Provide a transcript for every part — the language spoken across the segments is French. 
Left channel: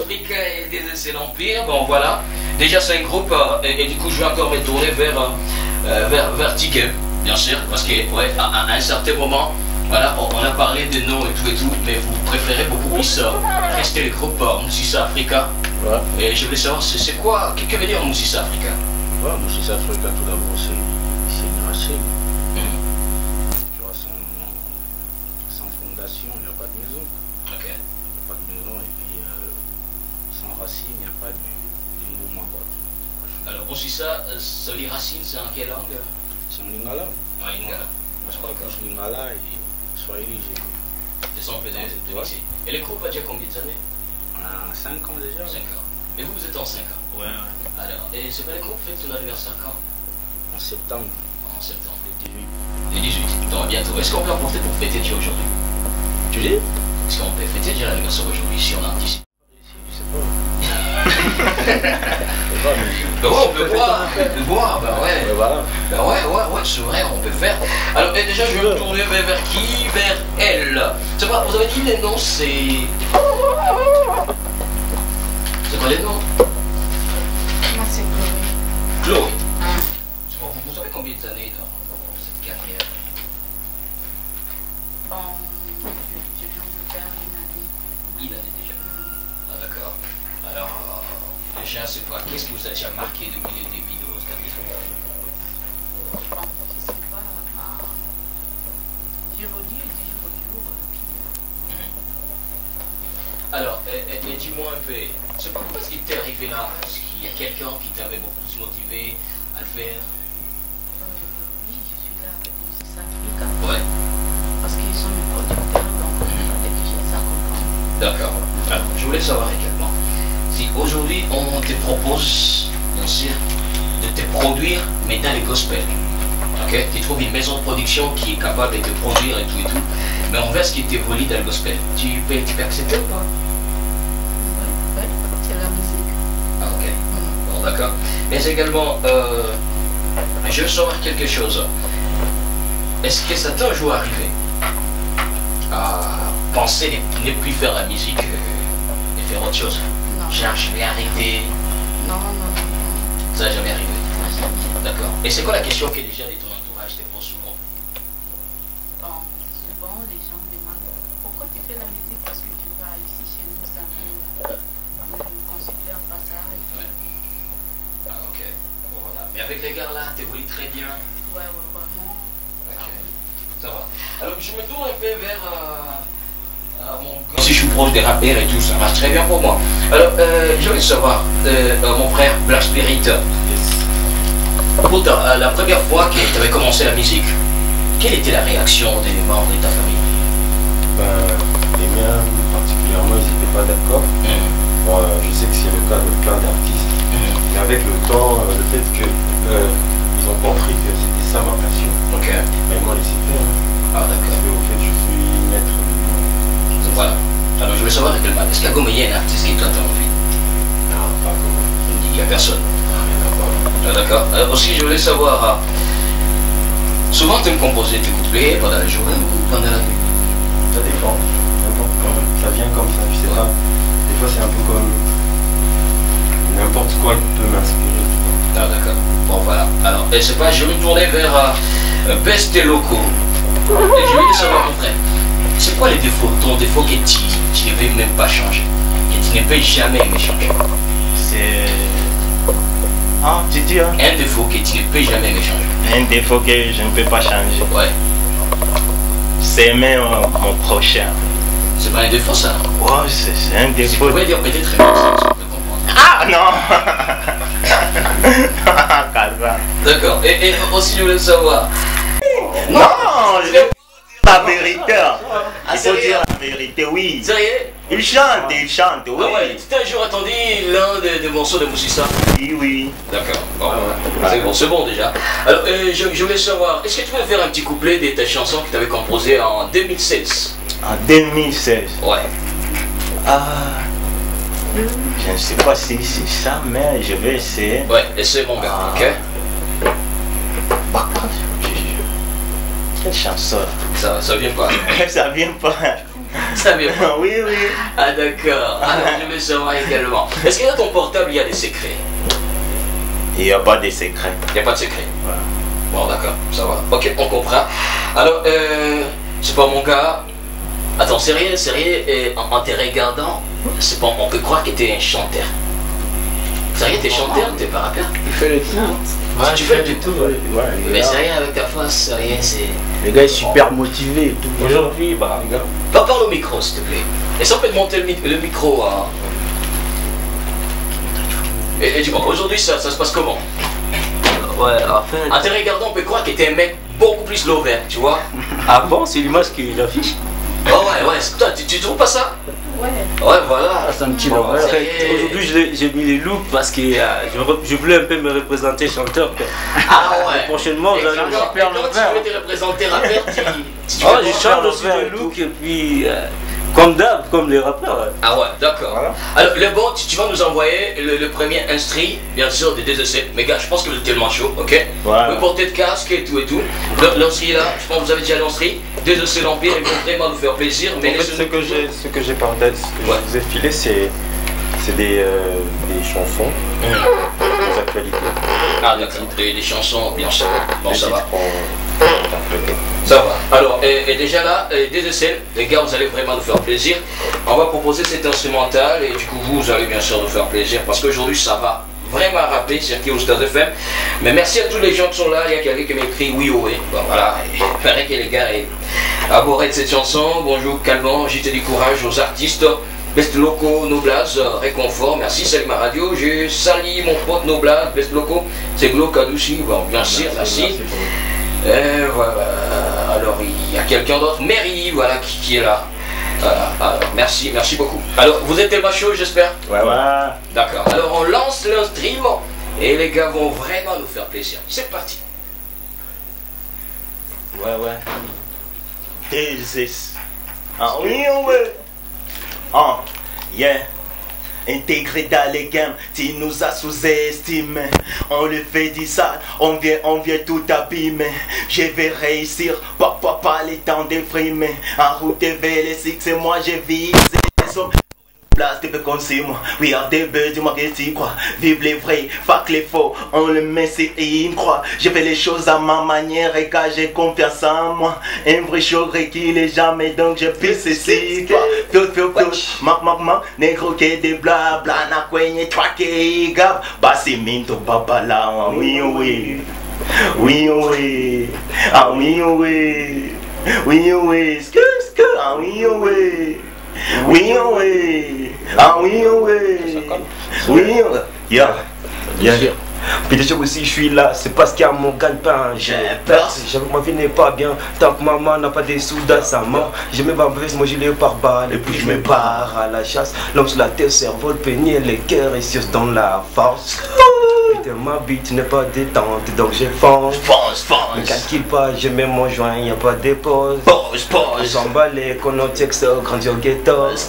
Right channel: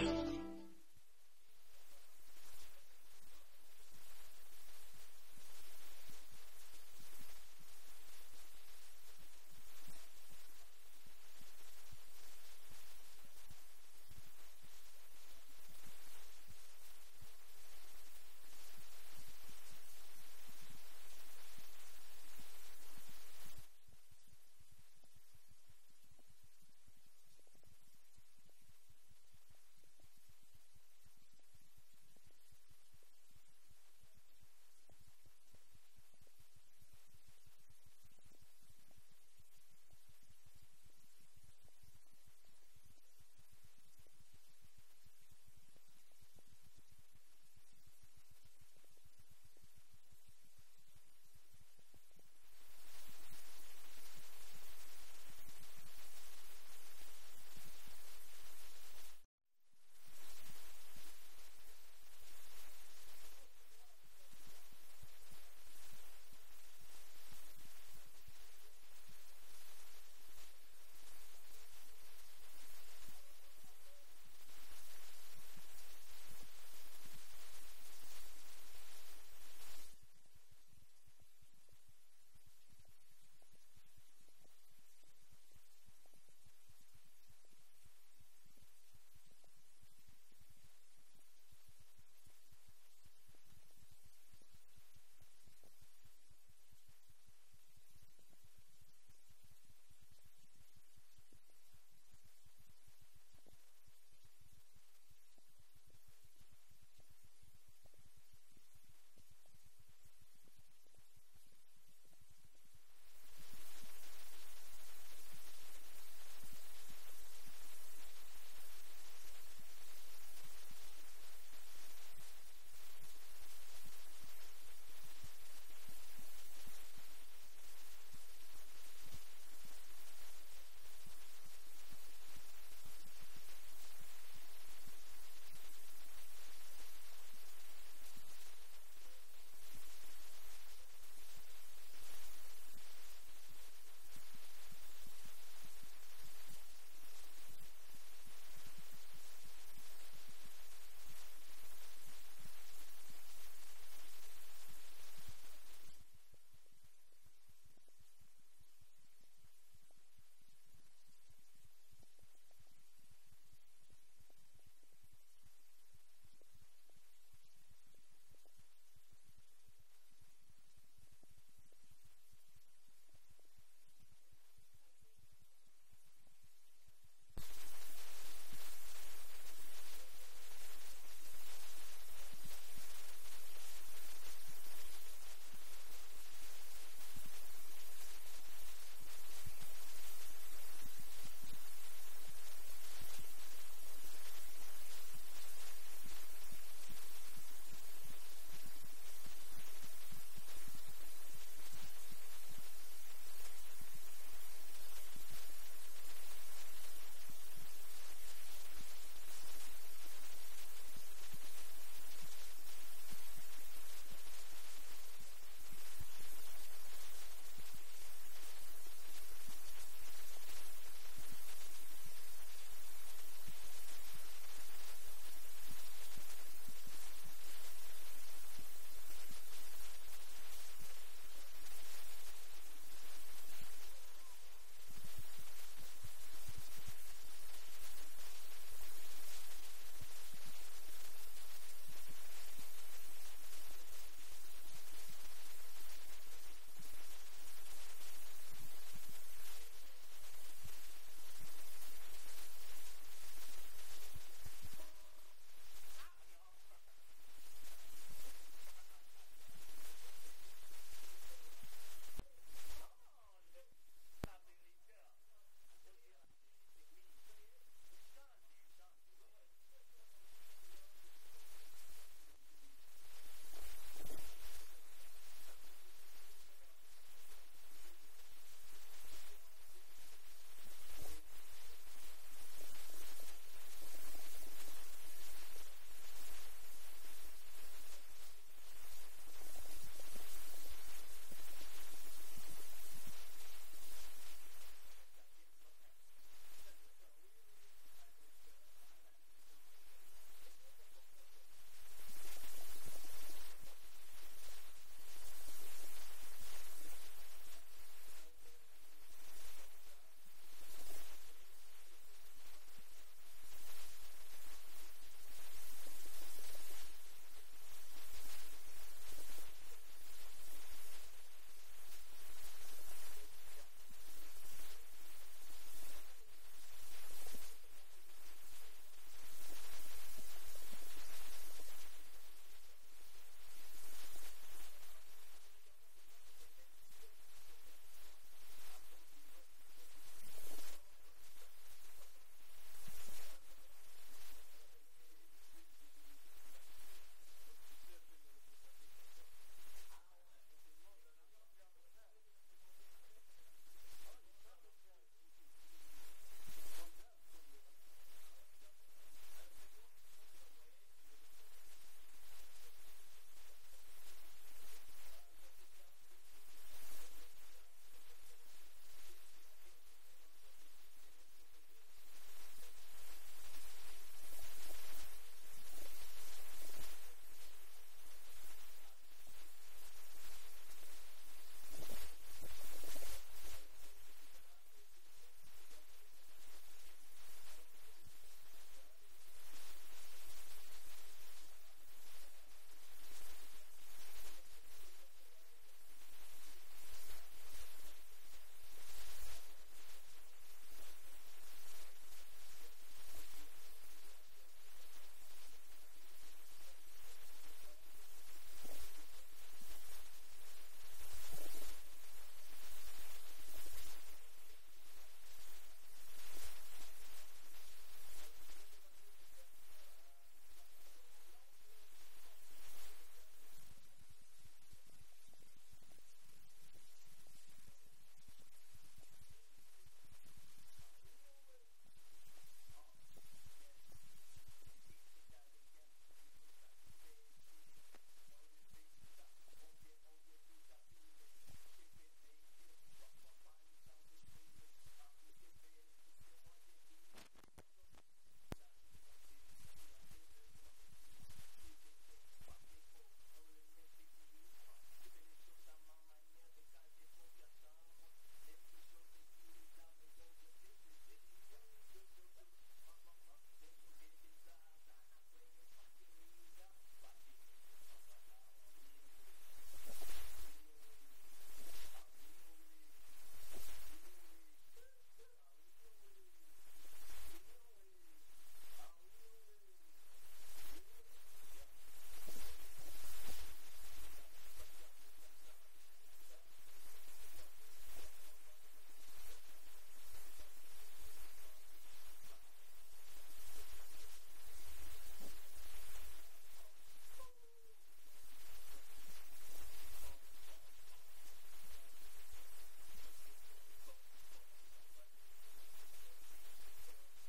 Afrique c'est l'Empire, bon voilà. Déjà c'est un groupe, et du coup je vais encore me tourner vers Ticket, bien sûr, parce que ouais, à un certain moment, voilà, on a parlé de noms et tout, mais vous préférez beaucoup plus rester le groupe Moussissa Africa. Ouais. Et je voulais savoir, c'est quoi, que veut dire Moussissa Africa? Ouais, Moussissa Africa, tout d'abord, c'est une racine. Tu vois, sans fondation, il n'y a pas de maison. Ok. Il n'y a pas de maison, et puis sans racine, il n'y a pas de mouvement. Alors, Moussissa, ça veut dire racine, c'est en quelle langue? C'est en lingala. En lingala. Je parle plus lingala et swahili. C'est ça, on peut dire. Et le groupe a déjà combien d'années? On a 5 ans déjà. 5 ans. Et vous êtes en 5 ans? Ouais. Alors, et c'est pas le groupe fête son anniversaire quand? En septembre. En septembre. Le 18. Le 18. Donc bientôt. Est-ce qu'on peut emporter pour fêter déjà aujourd'hui? Tu dis? Est-ce qu'on peut fêter déjà l'anniversaire aujourd'hui si on anticipe? Je sais pas. Ben ouais, on peut boire, ben ouais. Et voilà. Ben ouais, c'est vrai, on peut faire. Alors, et déjà, je vais me tourner vers qui? Vers elle. C'est pas, vous avez dit les noms, c'est. C'est quoi les noms? Moi, c'est Chloé. Chloé. Vous avez combien d'années dans cette carrière? Bon, je viens de faire une année. Une année déjà. Ah, d'accord. Alors, déjà, c'est quoi? Qu'est-ce qui vous a déjà marqué depuis le début de votre carrière? Bon, je sais pas, j'évolue du jour au jour. Alors, et dis-moi un peu, c'est pas comment est-ce qu'il t'est arrivé là? Est-ce qu'il y a quelqu'un qui t'avait beaucoup plus motivé à le faire? Oui, je suis là avec Moussissa Africa. Ouais. Parce qu'ils sont mes producteurs, donc il fallait que j'ai ça comprendre. D'accord. Alors, je voulais savoir également, si aujourd'hui on te propose, bien sûr, de te produire, mais dans les gospel. Ok? Tu trouves une maison de production qui est capable de te produire et tout, mais on veut ce qui t'évolue dans le gospel. Tu peux accepter ou pas? Oui, c'est la musique. Ah, ok. Bon, d'accord. Mais également, je veux savoir quelque chose. Est-ce que ça t'est un jour arrivé à penser ne plus faire la musique et faire autre chose? Non. Genre, je vais arrêter. Non. Ça n'a jamais arrivé. Moi, jamais. D'accord. Et c'est quoi la question que les gens de ton entourage te posent souvent? Bon, souvent, les gens me demandent pourquoi tu fais la musique parce que tu vas ici chez nous, ça ne considère pas ça. Ouais. Ah, ok. Bon, voilà. Mais avec les gars là, t'évolues très bien. Ouais, vraiment. Ok. Ça va. Alors, je me tourne un peu vers mon gars. Si je suis proche des rappeurs et tout, ça marche très bien pour moi. Alors, je voulais savoir, mon frère Black Spirit, pour la première fois que tu avais commencé la musique, quelle était la réaction des membres de ta famille? Les miens, particulièrement, ils n'étaient pas d'accord. Bon, je sais que c'est le cas de plein d'artistes. Mais avec le temps, le fait qu'ils ont compris que c'était ça ma passion, Ok. ils m'ont laissé faire. Ah, Parce d'accord. qu'au fait, je suis maître de Voilà. Alors, je voulais savoir, est-ce qu'à Goma, il y a un artiste qui toi t'as envie? Non, pas comment. Il n'y a personne. Rien à voir. Ah, d'accord. Aussi, je voulais savoir, souvent tu me composes tes couplets pendant la journée ou pendant la nuit? Ça dépend. Ça vient comme ça, je sais pas. Des fois, c'est un peu comme n'importe quoi qui peut m'inspirer. Ah, d'accord. Bon, voilà. Alors, et c'est pas, je vais me tourner vers Best et Loco. Et je voulais savoir, mon frère, c'est quoi les défauts, ton défaut que tu ne veux même pas changer, que tu ne peux jamais me changer? C'est. Ah, tu dis, hein? Un défaut que tu ne peux jamais me changer. Un défaut que je ne peux pas changer. Ouais. C'est aimer mon prochain. C'est pas un défaut, ça. Ouais, c'est un Tu défaut. pourrais dire peut-être un ça, je peux comprendre. Ah non. Calva. D'accord. Et aussi, je voulais savoir. Non, je vais dire la vérité. Ah, Il faut sérieux? dire la vérité, oui. Sérieux? Il chante, oui. Ah ouais, tu t'as un jour entendu l'un des morceaux de Moussissa? Oui, oui. D'accord. Bon, c'est bon déjà. Alors, je voulais savoir, est-ce que tu peux faire un petit couplet de ta chanson que tu avais composée en 2016? En 2016. Ouais. Ah. Je ne sais pas si c'est ça, mais je vais essayer. Ouais, et c'est mon gars, Ah. ok? Bah, quelle chanson? Ça vient pas. Ça vient pas. Ça vient pas. Oui, oui. Ah d'accord. Alors je veux savoir également. Est-ce que dans ton portable il y a des secrets? Il n'y a pas de secret. Il n'y a pas de secret. Voilà. Bon d'accord, ça va. Ok, on comprend. Alors, c'est pas mon gars. Attends, sérieux, et en te regardant, c'est pas, on peut croire que t'es un chanteur. Sérieux, t'es chanteur, t'es pas rappeur? Il fait le tout. Ouais, tu fais du tout. Ouais, Mais sérieux, avec ta face, sérieux, c'est... le gars est super motivé et tout. Aujourd'hui, bah, regarde. Parle au micro, s'il te plaît. Et ça peut te monter le micro, hein. Et dis-moi, aujourd'hui, ça se passe comment? Ouais, en fait. En te regardant, on peut croire que t'es un mec beaucoup plus lover, tu vois? Ah bon, c'est l'image qu'il affiche. Oh ouais, toi, tu trouves pas ça? Ouais. Ouais, voilà. Ah, c'est un petit Bon, lover. en fait, aujourd'hui, j'ai mis les looks parce que je voulais un peu me représenter chanteur. Quoi. Ah ouais. Prochainement, Et j'allais. quand tu veux te représenter rappeur, tu Oh, fais je quoi? change aussi le look et puis, comme d'hab, comme les rappeurs. Ah ouais, d'accord. Voilà. Alors, le bon, tu vas nous envoyer le premier instru, bien sûr, des 2EC. Mais gars, je pense que vous êtes tellement chaud, ok? Voilà. Vous portez de casque et tout et tout. L'instru là, je pense que vous avez déjà l'instru. 2EC l'Empire, ils vont vraiment nous faire plaisir. Mais En fait, laissez-nous- ce que j'ai partagé, ce que Ouais. je vous ai filé, c'est des chansons, des actualités. Ah d'accord, des chansons, bien sûr. Bon, Des ça va. titres en interprétés. Ça va. Alors, et déjà là, des essais, les gars, vous allez vraiment nous faire plaisir. On va proposer cet instrumental et du coup, vous allez bien sûr nous faire plaisir parce qu'aujourd'hui, ça va vraiment rapper sur Stars FM. Mais merci à tous les gens qui sont là. Il y a quelqu'un qui m'écrit oui, oui. Bon, voilà. Il paraît que les gars abordaient de cette chanson. Bonjour, calmant. J'étais du courage aux artistes. Best Loco, Noblaz, réconfort. Merci, salut ma radio. Je salue mon pote Noblaz, Best Loco. C'est Glo Kadouchi. Bon, bien sûr, merci. Et voilà, alors il y a quelqu'un d'autre, Mary, voilà, qui est là. Alors, merci beaucoup. Alors, vous êtes tellement chaud, j'espère? Ouais, ouais. D'accord. Alors, on lance le stream et les gars vont vraiment nous faire plaisir. C'est parti. Ouais, ouais. This. Ah oui, ouais. Ah, yeah. Intégré dans les games, tu nous as sous-estimé. On le fait dit ça, on vient tout abîmer. Je vais réussir, pas les temps de frimer. En route vers les six, c'est moi j'ai visé. Place, tu peux compter moi. We are the birds, dis-moi que tu crois. Vive les vrais, fuck les faux. On le met, c'est et il me croit. Je fais les choses à ma manière et quand j'ai confiance en moi. Un vrai show qui est jamais, donc je pisse ici. Fio, ma, négro qui des blabla, na kwenye, toi qui gab. Bassi minto, babala, oui, oui. Oui, oui. Ah, oui, oui. Oui, oui. Skur, ah, oui, oui. Oui, oui. Ah, oui, oui. Oui, yeah. Puis aussi, je suis là, c'est parce qu'il y a mon gagne-pain. J'ai peur. Ma vie n'est pas bien, tant que maman n'a pas des sous dans sa main. Je me bats moi je l'ai par balle, et puis je me barre à la chasse. L'homme sur la tête, cerveau, le pénier, les cœurs et sur dans la force. Putain, ma bite n'est pas détente, donc je fonce. Ne calcule pas, je mets mon joint, y a pas de pause. On s'emballe, qu'on a texte, grandi au ghetto. Moi je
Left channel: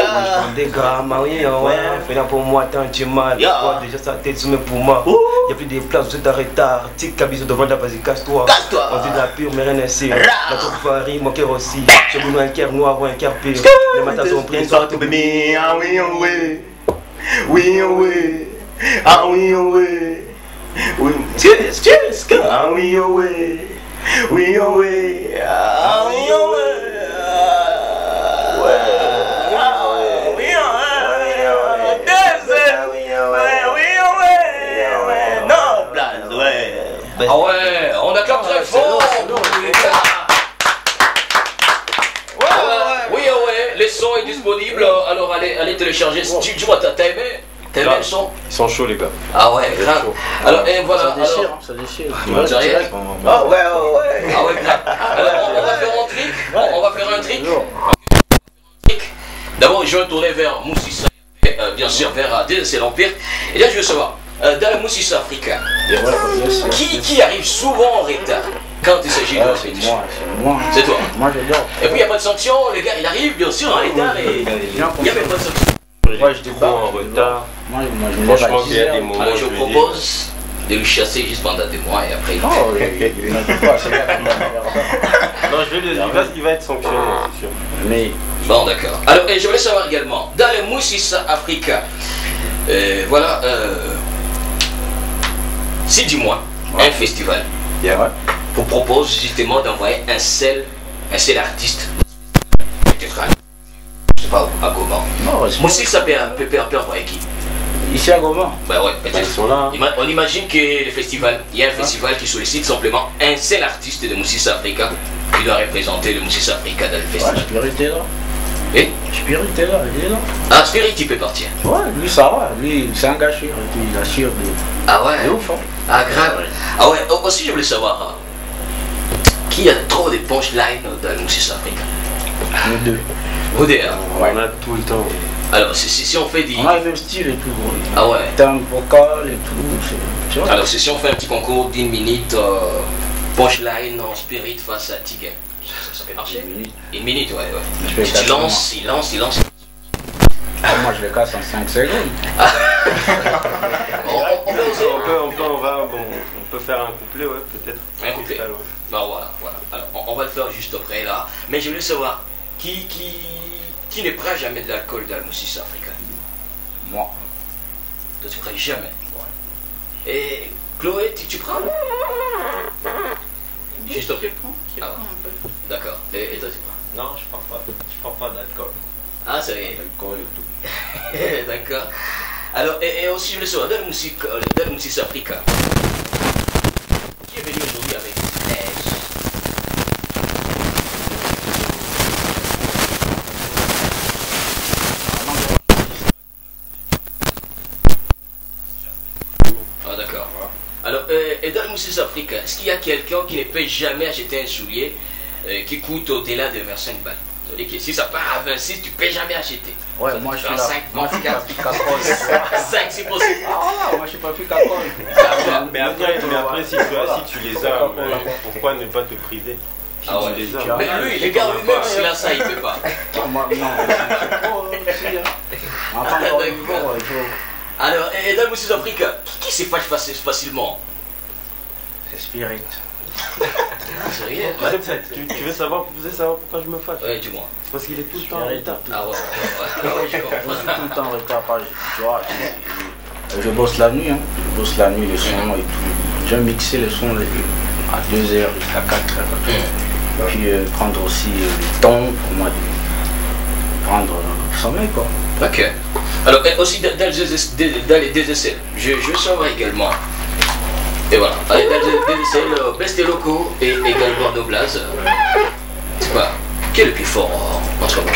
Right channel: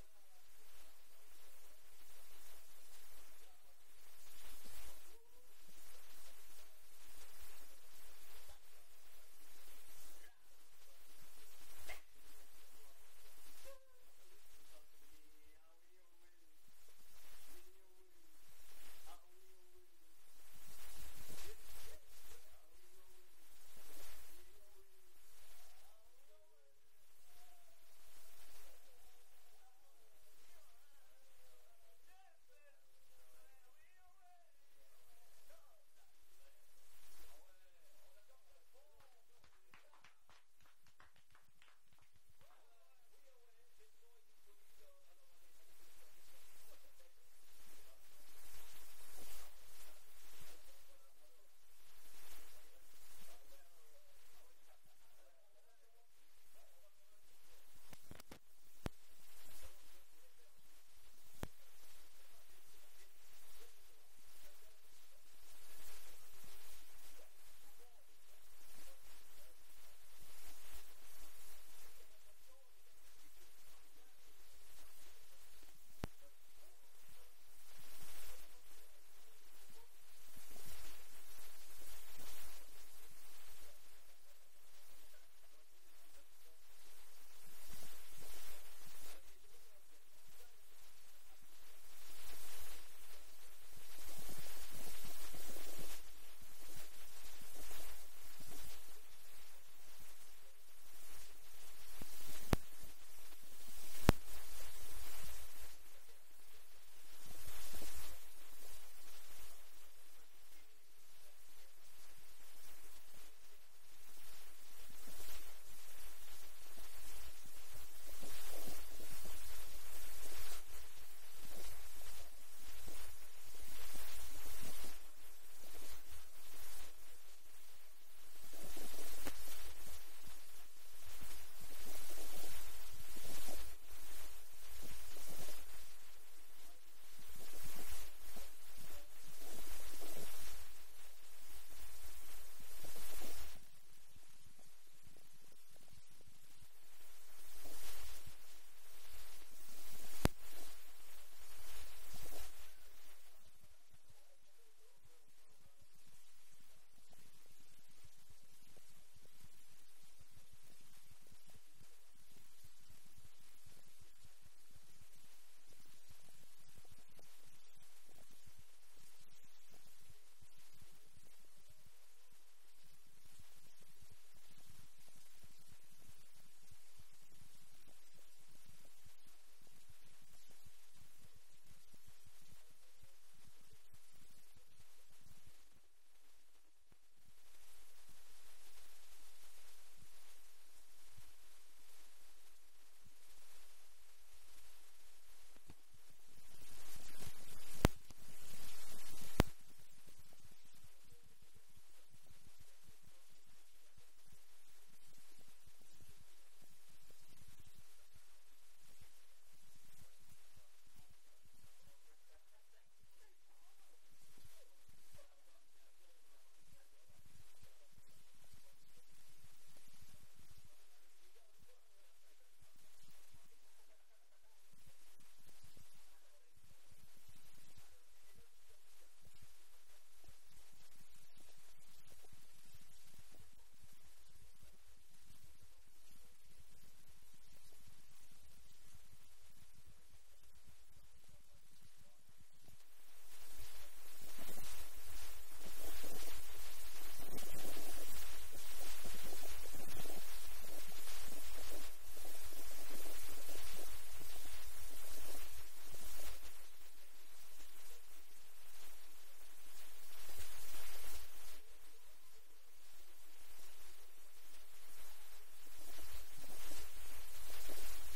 prends des grammes, oui, ouais. Fais là pour moi, tant tu mal. Déjà sa tête sur mes poumons. Y'a plus de place, vous êtes en retard. Tic, cabis devant la vas-y, casse-toi. On dit de la pure, mais rien n'est sûr. La troupe varie, mon cœur aussi. J'ai voulu un cœur noir ou un cœur pire. Les matins sont pris, Ah oui, oui. Oui, oui. Ah oui, oui. Oui, ah oui, oui. Oui, oui. Ah oui, Ah ouais, on acclame très fort pour les gars. Oui, ouais, le son est disponible, alors allez télécharger. Dis-moi, t'as aimé? T'as aimé le son? Ils sont chauds, les gars. Ah ouais, grave. Alors, et voilà. Ça déchire. Sérieux? Ah ouais. Ah ouais, grave. Alors, on va faire un trick. On va faire un trick. D'abord, je vais tourner vers Moussissa, bien sûr, vers c'est l'Empire. Et là, je veux savoir, dans le Moussissa africain, qui arrive souvent en retard quand il s'agit de répétition? C'est moi. C'est toi. Moi j'adore. Et puis, il n'y a pas de sanction, les gars, il arrive, bien sûr, en retard et il n'y a même pas de sanction. Moi je Trop en retard. Moi je me lève à Franchement, il y a 10 des heures. moments Alors, où je je me dis, propose de le chasser juste pendant des mois et après il Non, il n'a pas, c'est là qu'il va faire ça. Non, il va être sanctionné, c'est sûr. Mais Bon, d'accord. Alors, et je voulais savoir également, dans le Moussissa Africa, voilà, si du moins, un festival ouais. vous propose justement d'envoyer un seul artiste, peut-être je sais pas où, à Goma. Non, Moussissa peut envoyer qui? ici à Goma. Ben ouais, Ils peut-être. sont là. On imagine que le festival, il y a un festival qui sollicite simplement un seul artiste de Moussissa Africa qui doit représenter le Moussissa Africa dans le Ouais, festival. Spirit est là. Et Spirit est là, il est là. ah, Spirit, il peut partir. Ouais, lui ça va, lui il s'est engagé, il assure de. Ah ouais. C'est ouf, hein. Ah, grave. Ah ouais, aussi je voulais savoir qui a trop de punchlines dans le Moussissa Africa. Nous deux. Vous deux, hein. On a tout le temps. Alors, si on fait des. On a le même style et tout, gros. Ah ouais. Temps vocal et tout, tu vois. Alors, si on fait un petit concours d'1 minute, punchline en Spirit face à Tigem, ça peut marcher. 1 minute, ouais. Je fais Tu quatre lances, il lance. Ah, moi je le casse en 5 secondes. On peut oser. On peut faire un couplet, ouais, peut-être. Un couplet. Freestyle, ouais. Ben voilà. Alors, on va le faire juste après là. Mais je voulais savoir qui ne prend jamais de l'alcool dans le Moussissa Africa. Moi. Toi, tu prends jamais. Et Chloé, tu prends? Juste après. Je prends un peu. D'accord. Et toi, tu prends? Non, je prends pas d'alcool. Ah, c'est vrai. D'alcool et tout. D'accord. Alors, et aussi, je voulais savoir, dans le Moussissa Africa, qui est venu aujourd'hui avec neige? Ah, d'accord. Alors, et dans le Moussissa Africa, est-ce qu'il y a quelqu'un qui ne peut jamais acheter un soulier qui coûte au-delà de 25 balles? C'est-à-dire que si ça part à 26, tu ne peux jamais acheter. Ouais, moi je suis là. 5, Moi je suis pas 24, plus cacole. 5 si possible. Ah, moi je suis pas plus cacole. Mais après, si tu les as, pourquoi ne pas te priver? Ah ouais. Tu les as. Mais lui, les gars, lui-même, s'il a ça, il ne peut pas. Moi, non, je suis là. Enfin, encore une fois, il faut. Alors, et dans le Moussissa Africa, qui se fâche facilement? C'est Spirit. Sérieux? Tu veux savoir pourquoi je me fâche? Ouais, dis-moi. C'est parce qu'il est tout le temps en retard. Ah ouais, je Je suis comprends. tout le temps en retard, tu vois. Je bosse la nuit, hein. Je bosse la nuit, les sons et tout. J'aime mixer les sons à 2h jusqu'à 4h. Et puis prendre aussi le temps pour moi de prendre le sommeil, quoi. Ok. Alors, et aussi dans les DSL, je veux savoir également. Et voilà, dans les DSL, Best et Loco et également Noblaz. C'est quoi? Qui est le plus fort en ce moment?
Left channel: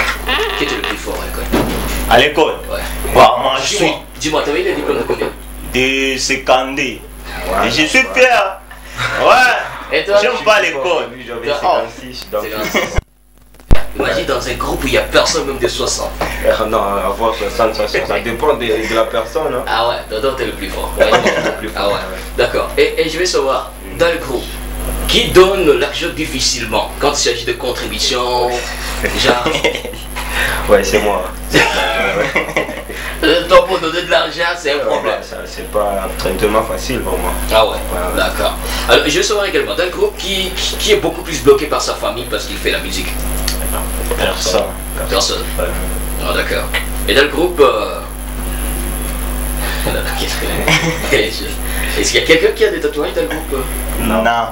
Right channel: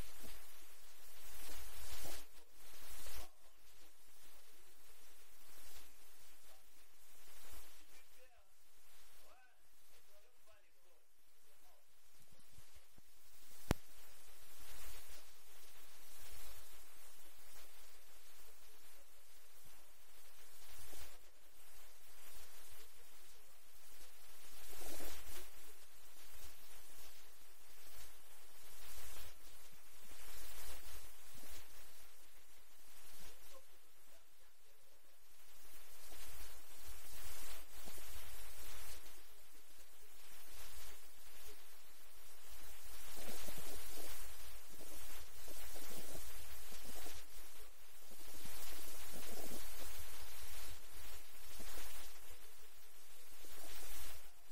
Qui était le plus fort à l'école? À l'école? Ouais. Bah, moi, je suis Dis-moi, t'avais eu les diplômes de combien? de Secandé. Et je suis fier. Ouais. Et toi? J'aime pas l'école. Lui, j'avais Oh. 56. Donc, C'est grave. Imagine dans un groupe où il n'y a personne, même de 60. non, avoir 60, ça dépend de la personne. Hein. Ah ouais, toi t'es le plus fort. Le plus fort, Ah ouais, d'accord. Et je vais savoir, dans le groupe, qui donne l'argent difficilement quand il s'agit de contributions, genre, Ouais, c'est moi. toi pour donner de l'argent, c'est un problème. Ça, c'est pas un traitement facile pour moi. Ah ouais, Ouais. d'accord. Alors je vais savoir également, dans le groupe, qui est beaucoup plus bloqué par sa famille parce qu'il fait la musique? Personne. Personne. Ouais. Ah d'accord. Et dans le groupe, est-ce qu'il y a quelqu'un qui a des tatouages dans le groupe? Non. Non.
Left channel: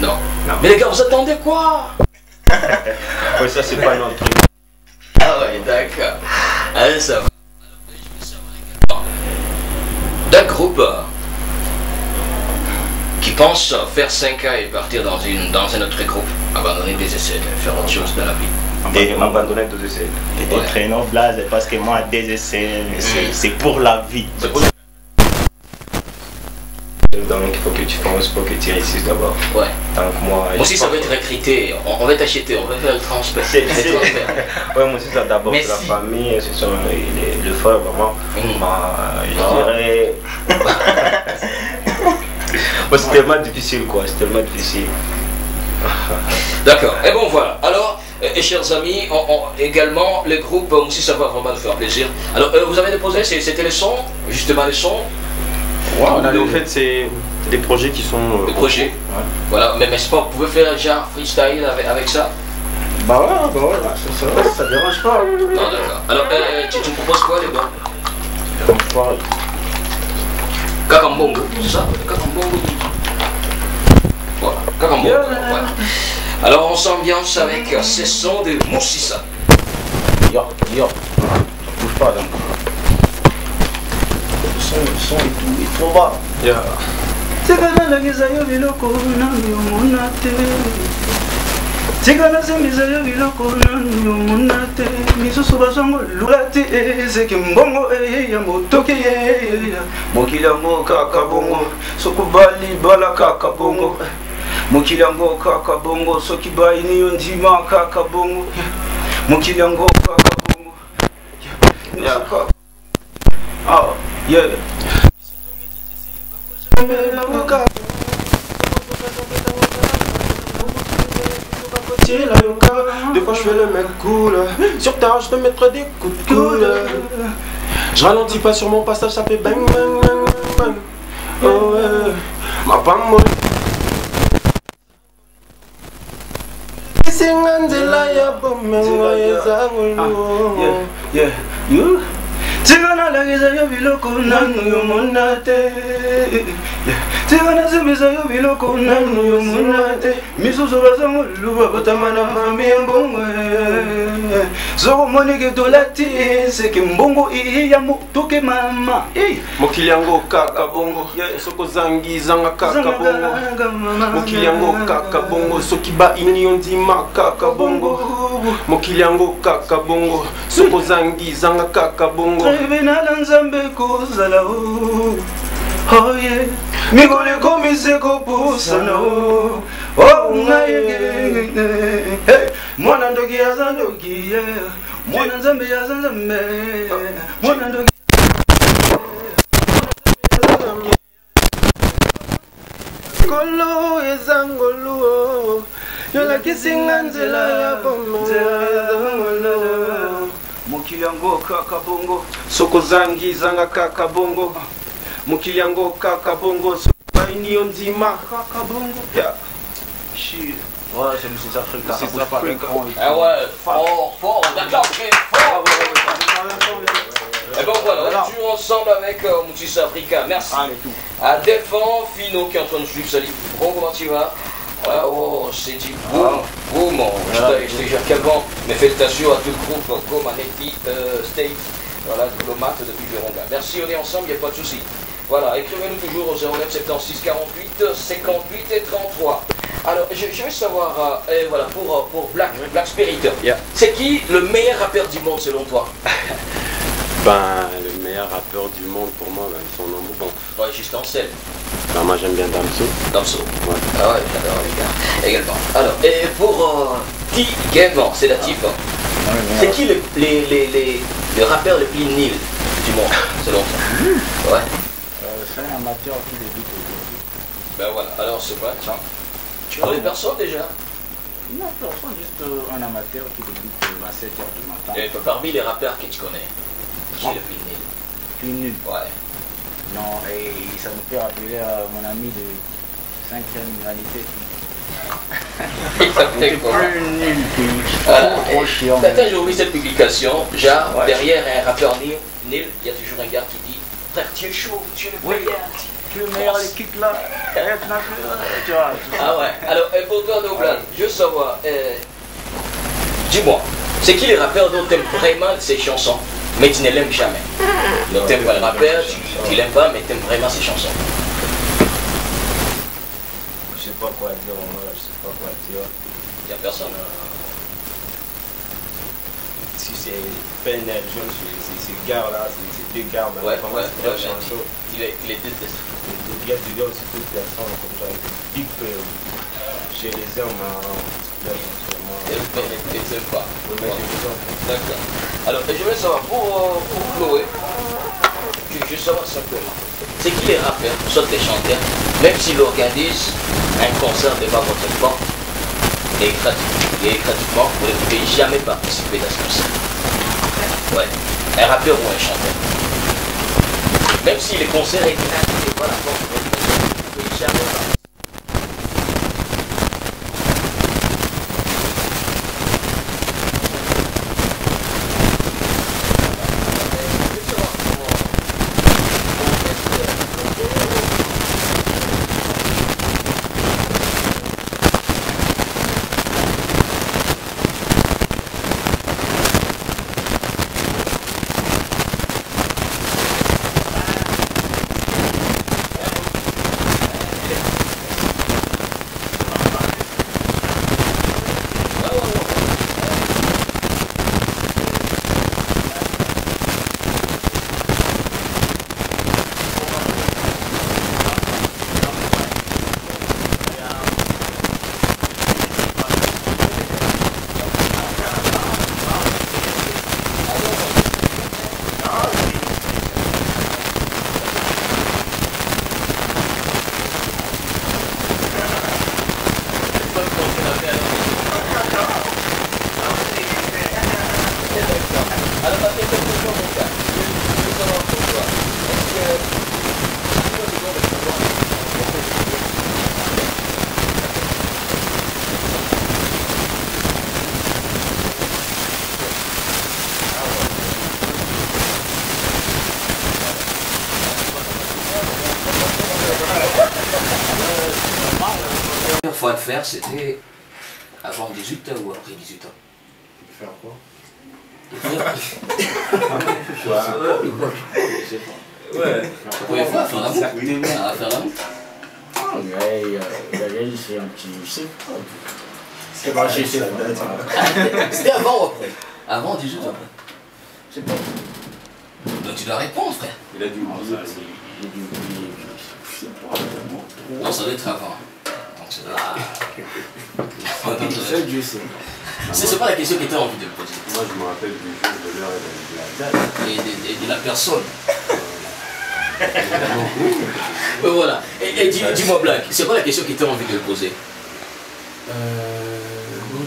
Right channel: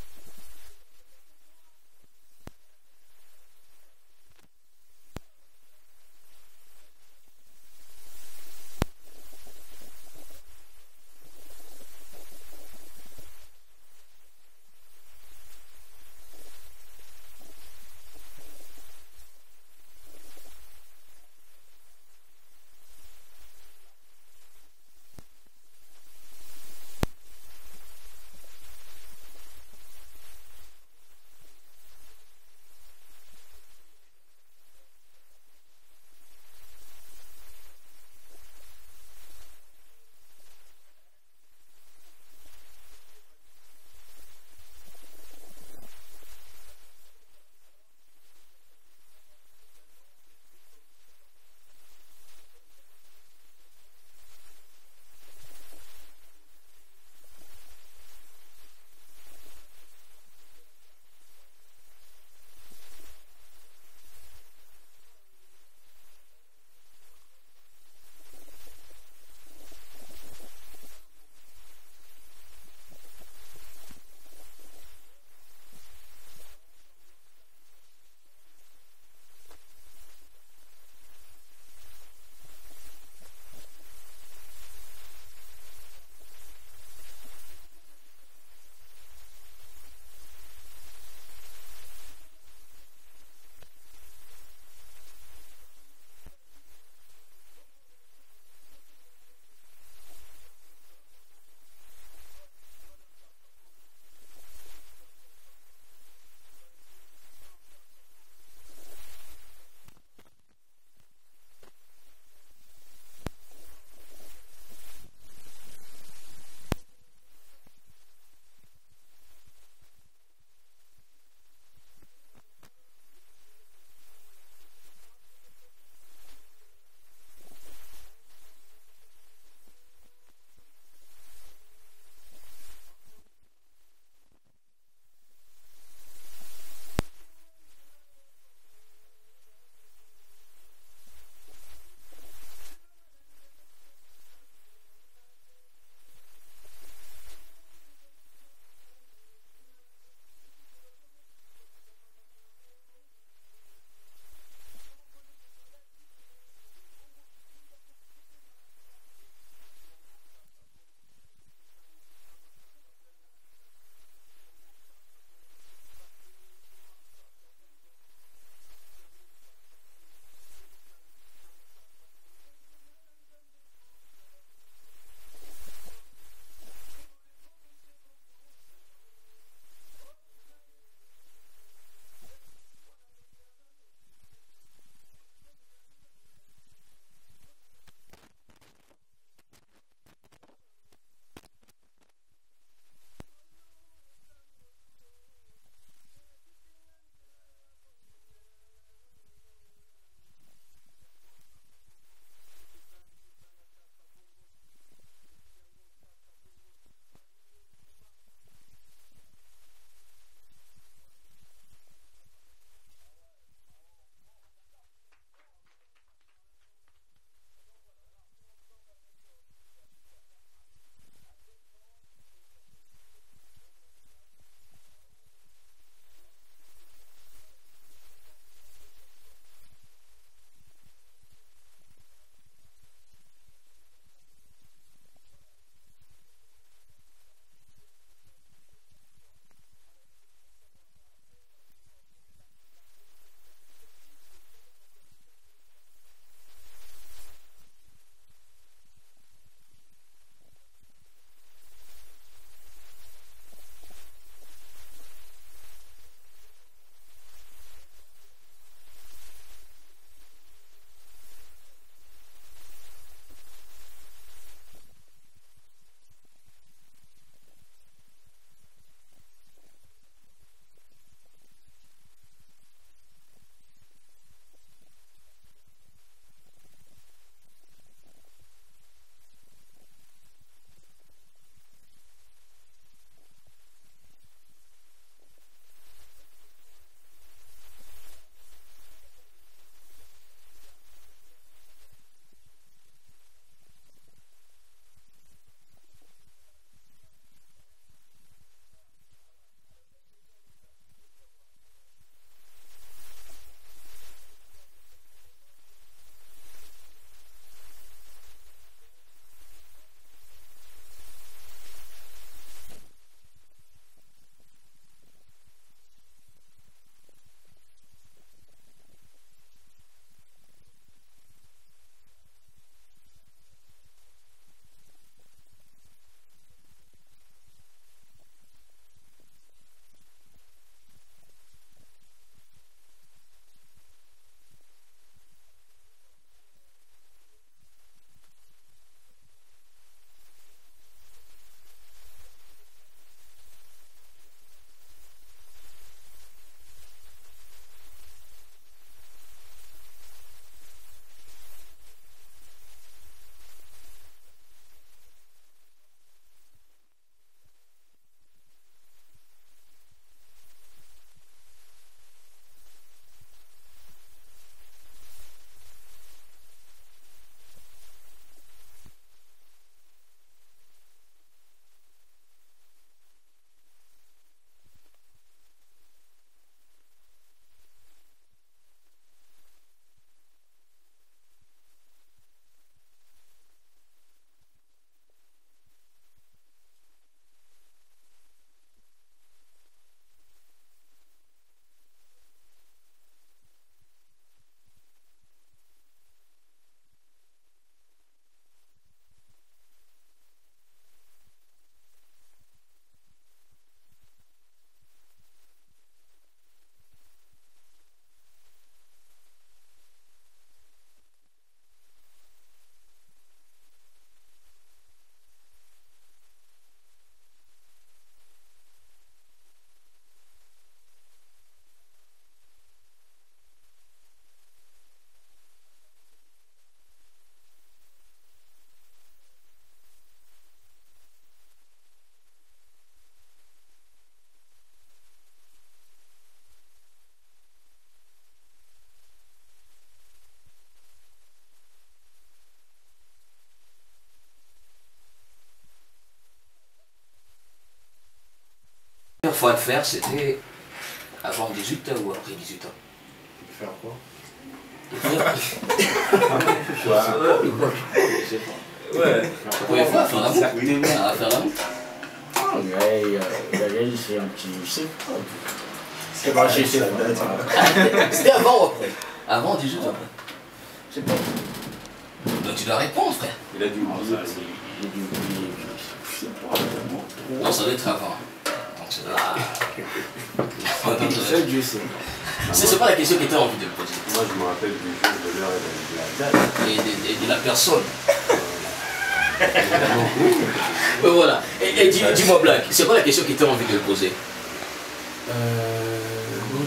Non. Mais les gars, vous attendez quoi? Ouais, ça, c'est pas notre truc. Ah ouais, d'accord. Allez, ça va. D'un groupe qui pense faire 5 ans et partir dans un autre groupe, abandonner des essais, faire autre chose dans la vie. Abandonner deux essais. Peut-être Ouais. non, Blaze, parce que moi, des essais, c'est pour la vie. Donc, il faut que tu penses, il faut que tu réussisses d'abord. Ouais. Donc, moi Aussi, ça va être recruté, on va t'acheter, on va faire le transfert. C'est- Le c'est- transfert. Ouais, moi aussi, ça d'abord, c'est la Merci. famille, ce sont les frères, vraiment. Je dirais. Ouais, c'est tellement difficile, quoi. C'est tellement difficile. D'accord. Et bon, voilà. Alors, et chers amis, également, le groupe, aussi, ça va vraiment nous faire plaisir. Alors, vous avez déposé, c'était les sons, justement les sons. On a, au fait, c'est des projets qui sont... Des projets. Ouais. Voilà, mais n'est-ce pas, vous pouvez faire genre freestyle avec ça? Bah ouais, ça dérange pas. Non, d'accord. Alors, tu me proposes quoi, les gars? Ça dérange pas. Kakambongo, c'est ça? Kakambongo. Voilà, Kakambongo. Voilà. Alors, on s'ambiance avec ces sons de Moussissa. Yo, ça bouge pas donc. Le son et tout, il est trop bas. Yeah. Tigana sembiza yo biloko nanu yomona te misusu bazango lula te ezeki mbongo ya motoki mokili yango kaka bongo sokubali bala kaka bongo mokili yango kaka bongo soki bayini yo ndima kaka bongo mokili yango kaka bongo Des fois je fais le mec cool. Sur terre je te mettrai des coups de coude. Je ralentis pas sur mon passage, ça fait bang bang bang bang. Oh ouais, ma femme molle. Singanzela ya bomengo yezangulu. You Tigana lagiza yo biloko nanu yomona te Tigana sembiza yo biloko nanu yomona te misusu bazango luba batamana mami mbongo Zoko monike dolati seki mbongo iya motoke mama Mokili yango kaka bongo soko zangi zanga kaka bongo Mokili yango kaka bongo soki ba ini ondima kaka bongo Mokili yango kaka bongo soko zangi zanga kaka bongo Venala nzambe kozala oh yeah Migole komise kopusana oh ngaye Mwana ndogi yaza ndogi Mwana nzambe yaza nzambe Mwana ndogi Kolo ezangolo Yola kisinga nzela ya pomelo Mokili yango kaka bongo Soko zangi zanga kaka bongo Mokili yango kaka bongo Baini ondima kaka bongo Shit. Ouais, c'est Mrs. Africa. C'est Africa. Ah ouais, fort, d'accord, très fort. Et bon voilà, on joue ensemble avec Moussissa Africa. Merci à Delphine Fino qui est en train de suivre. Salut, bon, comment tu vas? Oh, c'est dit boum, je te jure quel vent. Mes félicitations à tout le groupe, comme Aneti State, voilà, diplomate depuis Virunga. Merci, on est ensemble, il n'y a pas de souci. Voilà, écrivez-nous toujours au 09 76 48 58 et 33. Alors, je veux savoir, voilà, pour Black Spirit, c'est qui le meilleur rappeur du monde selon toi? Ben, le meilleur rappeur du monde pour moi, ben, son nom bon. Ouais, juste en scène. Ben, moi j'aime bien Damso. Damso. Ouais. Ah ouais, j'adore les gars. Également. Alors, et pour T-Game, c'est natif. C'est qui le rappeur le plus nul du monde selon toi? Ouais. C'est un amateur qui débute aujourd'hui. Ben voilà, alors c'est quoi? Tu connais personne déjà? Non, personne, juste un amateur qui débute à 7h du matin. Et parmi les rappeurs que tu connais, qui est le plus nul? Plus nul. Ouais. Non, et ça me fait rappeler à mon ami de 5e humanité. Il s'appelait comment? Plus nul, trop chiant. Attends, j'ai oublié cette publication. Genre, derrière un rappeur nul, il y a toujours un gars qui dit frère, tu es chaud, tu es le meilleur. Tu es le meilleur équipe là. Tu vois. Ah ouais. Alors, pour toi, Douglas, je veux savoir, dis-moi, c'est qui les rappeurs dont tu aimes vraiment ces chansons, mais tu ne l'aimes jamais? Donc, tu n'aimes pas le rappeur, tu l'aimes pas, mais tu aimes vraiment ses chansons. Je sais pas quoi dire, je sais pas quoi dire. Il n'y a personne. Si c'est PNL, c'est ces gars-là, c'est deux gars, mais Ouais, chanson. il est détesté. Il y a aussi d'autres personnes comme ça, big je les aime, Et tu n'aimes pas. mais je les aime. D'accord. Alors, je veux savoir, pour Chloé, je veux savoir simplement, c'est qui les rappeurs, soit les chanteurs, même s'ils organisent un concert devant votre banc, et gratuitement, vous ne pouvez jamais participer dans ce concert. Ouais. Un rappeur ou un chanteur? Même si les concerts étaient gratuits, voilà, bon, vous pouvez jamais pas. La première fois de faire, c'était avant 18 ans ou après 18 ans. Faire quoi? Ouais. La première fois à faire l'amour. À faire l'amour. C'est un petit. C'est pas chez C'était avant ou après? Avant 18 ans. C'est pas. Donc tu dois répondre, frère. Il a dû oublier. J'ai dû oublier. Je sais pas. Non, ça doit être avant. Donc c'est là. Seul Dieu sait. C'est pas la question qui était envie de me poser. Moi, je me rappelle du jour, de l'heure et de la date. Et de la personne. Voilà. Et dis-moi, Black, c'est pas la question qui était envie de me poser? Non,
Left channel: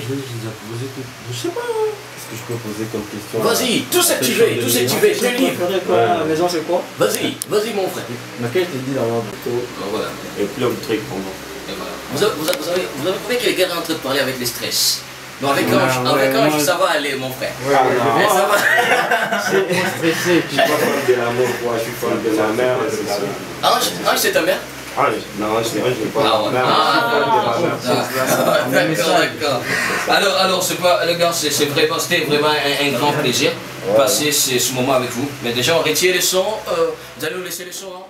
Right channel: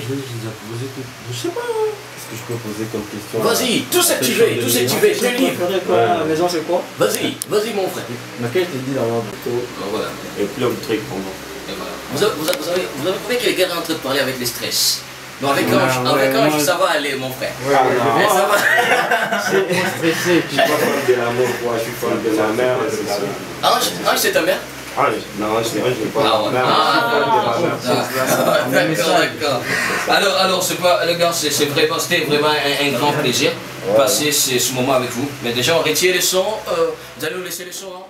je les ai posé tout. Je sais pas. Qu'est-ce que je peux poser comme question? Vas-y, tout ce que tu veux, tout ce que tu veux, je te livre. À la maison, c'est quoi? Vas-y, vas-y, mon frère. Laquelle je te dis dans l'ordre? Voilà. Et plein de trucs pendant. Et voilà. Vous avez trouvé que les gars sont en train de parler avec les stress. Non, avec Ange, ça va aller, mon frère. Ouais, Ça va. c'est stressé. Je suis pas fan de l'amour, moi, je suis fan de la mère, c'est ça. Ange, c'est ta mère? Non, je n'ai pas Ah ouais. D'accord. Alors c'est pas, les gars, c'était vraiment un grand plaisir de passer ce moment avec vous. Mais déjà, on retire les sons. Vous allez nous laisser les sons, hein?